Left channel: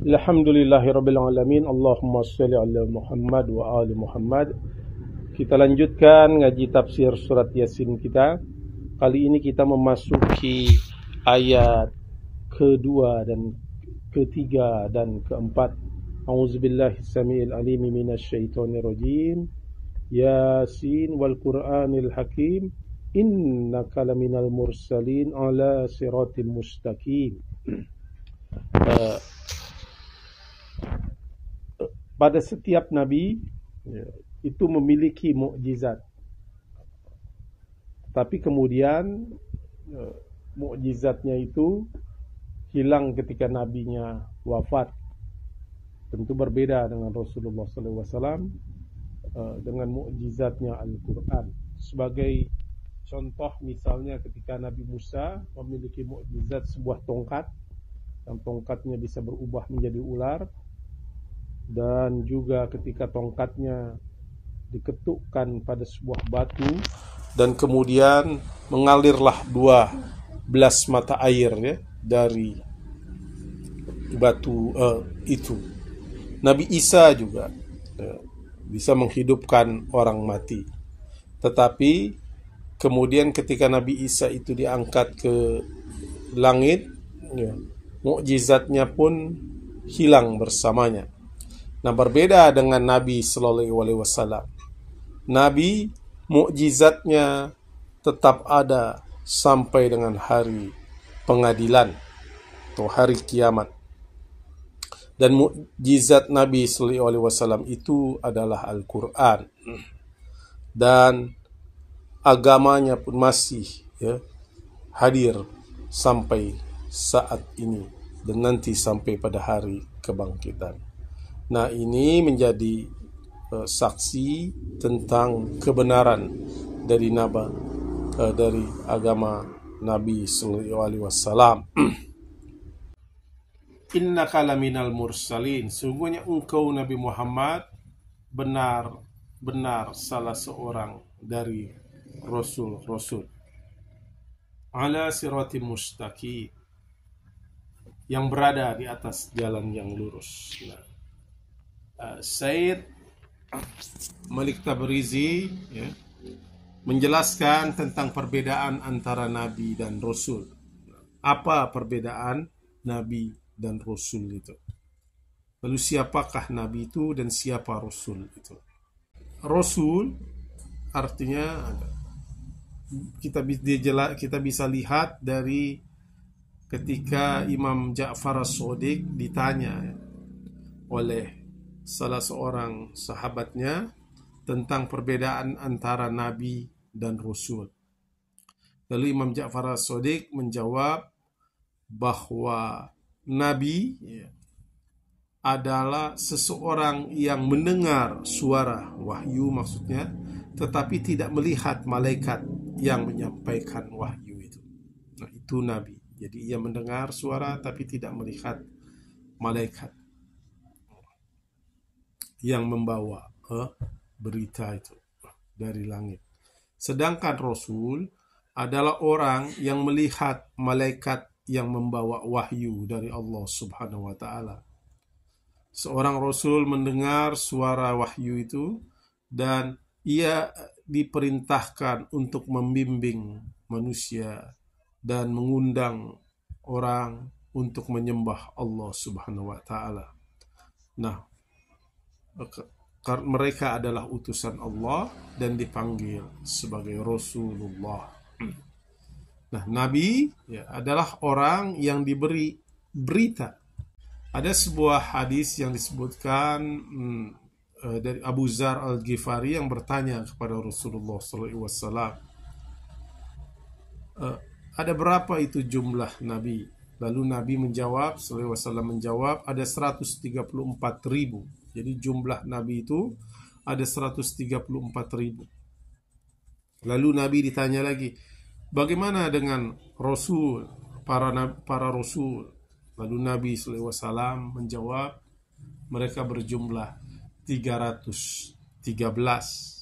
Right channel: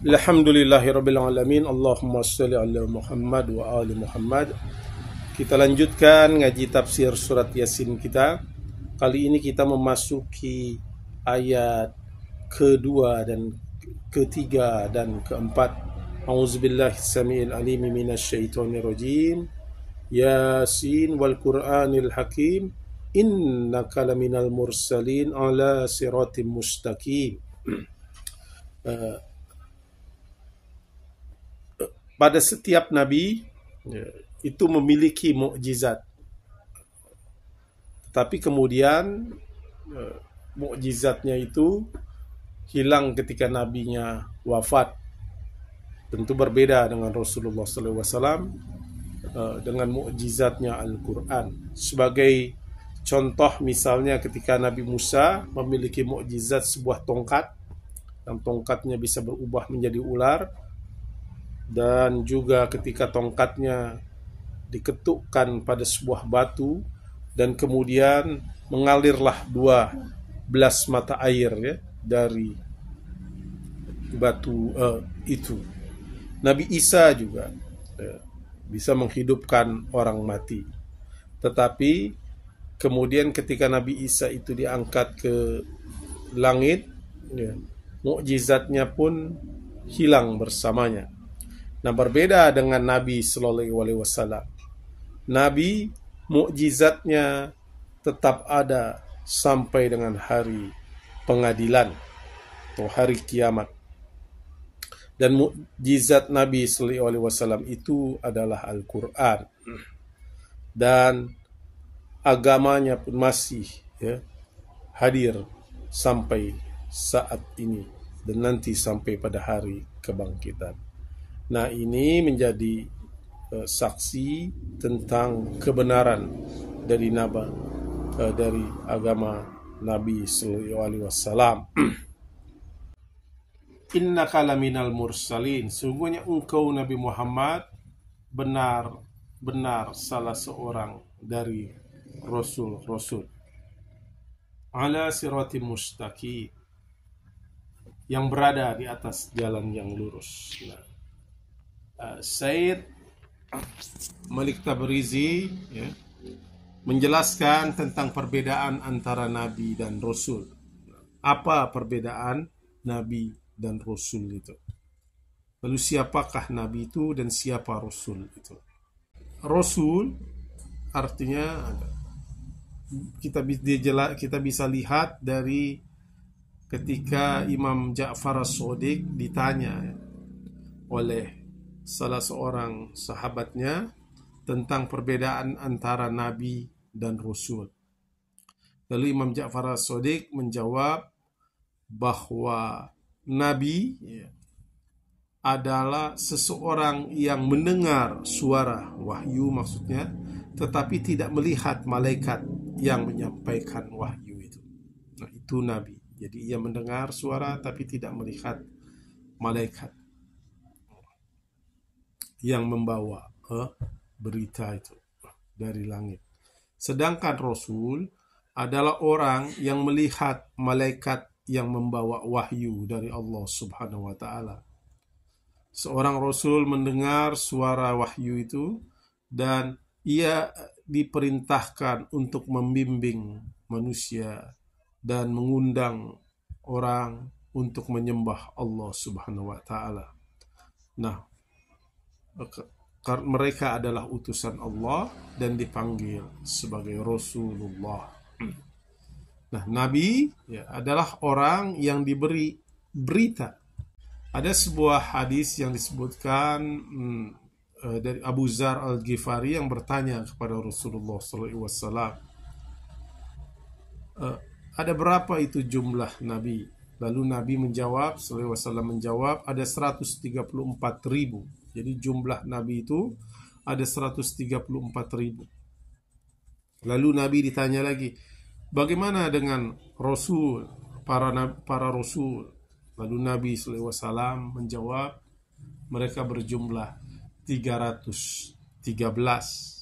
Alhamdulillahirrabbilalamin. Allahumma salli ala Muhammad wa ali Muhammad. Kita lanjutkan ngaji tafsir surat Yasin kita. Kali ini kita memasuki ayat kedua dan ketiga dan keempat. A'udzubillahi samiil alim minasyaitonir rajim. Yasin wal Qur'anil hakim. Innaka laminal mursalin ala siratim mustaqim. Pada setiap nabi itu memiliki mukjizat, tapi kemudian mukjizatnya itu hilang ketika nabinya wafat. Tentu berbeda dengan Rasulullah SAW dengan mukjizatnya Al-Quran. Sebagai contoh, misalnya ketika Nabi Musa memiliki mukjizat sebuah tongkat, yang tongkatnya bisa berubah menjadi ular, dan juga ketika tongkatnya diketukkan pada sebuah batu dan kemudian mengalirlah 12 mata air ya, dari batu itu. Nabi Isa juga bisa menghidupkan orang mati. Tetapi kemudian ketika Nabi Isa itu diangkat ke langit, ya, mukjizatnya pun hilang bersamanya. Nah, berbeda dengan Nabi Sallallahu Alaihi Wasallam. Nabi mukjizatnya tetap ada sampai dengan hari pengadilan atau hari kiamat. Dan mukjizat Nabi Sallallahu Alaihi Wasallam itu adalah Al-Quran. Dan agamanya pun masih hadir sampai saat ini dan nanti sampai pada hari kebangkitan. Nah, ini menjadi saksi tentang kebenaran dari dari agama Nabi Sallallahu Alaihi Wasallam. Innaka laminal mursalin, sungguhnya engkau Nabi Muhammad benar salah seorang dari rasul-rasul. Ala siratim mustaqim, yang berada di atas jalan yang lurus. Nah, Said Malik Tabrizi menjelaskan tentang perbedaan antara Nabi dan Rasul. Apa perbedaan Nabi dan Rasul itu? Lalu siapakah Nabi itu dan siapa Rasul itu? Rasul artinya kita bisa lihat dari ketika Imam Ja'far As-Shadiq ditanya oleh salah seorang sahabatnya tentang perbedaan antara Nabi dan Rasul. Lalu Imam Ja'far As-Shadiq menjawab bahwa Nabi adalah seseorang yang mendengar suara wahyu, maksudnya, tetapi tidak melihat malaikat yang menyampaikan wahyu itu. Nah, itu Nabi. Jadi ia mendengar suara tapi tidak melihat malaikat yang membawa berita itu dari langit. Sedangkan Rasul adalah orang yang melihat malaikat yang membawa wahyu dari Allah Subhanahu wa Ta'ala. Seorang Rasul mendengar suara wahyu itu dan ia diperintahkan untuk membimbing manusia dan mengundang orang untuk menyembah Allah Subhanahu wa Ta'ala. Nah, mereka adalah utusan Allah dan dipanggil sebagai Rasulullah. Nah, Nabi adalah orang yang diberi berita. Ada sebuah hadis yang disebutkan dari Abu Dzar Al-Ghifari yang bertanya kepada Rasulullah SAW, ada berapa itu jumlah Nabi? Lalu Nabi menjawab, SAW menjawab, ada 134.000. Jadi jumlah Nabi itu ada 134.000. Lalu Nabi ditanya lagi, bagaimana dengan Rasul, para Rasul? Lalu Nabi SAW menjawab, mereka berjumlah 313.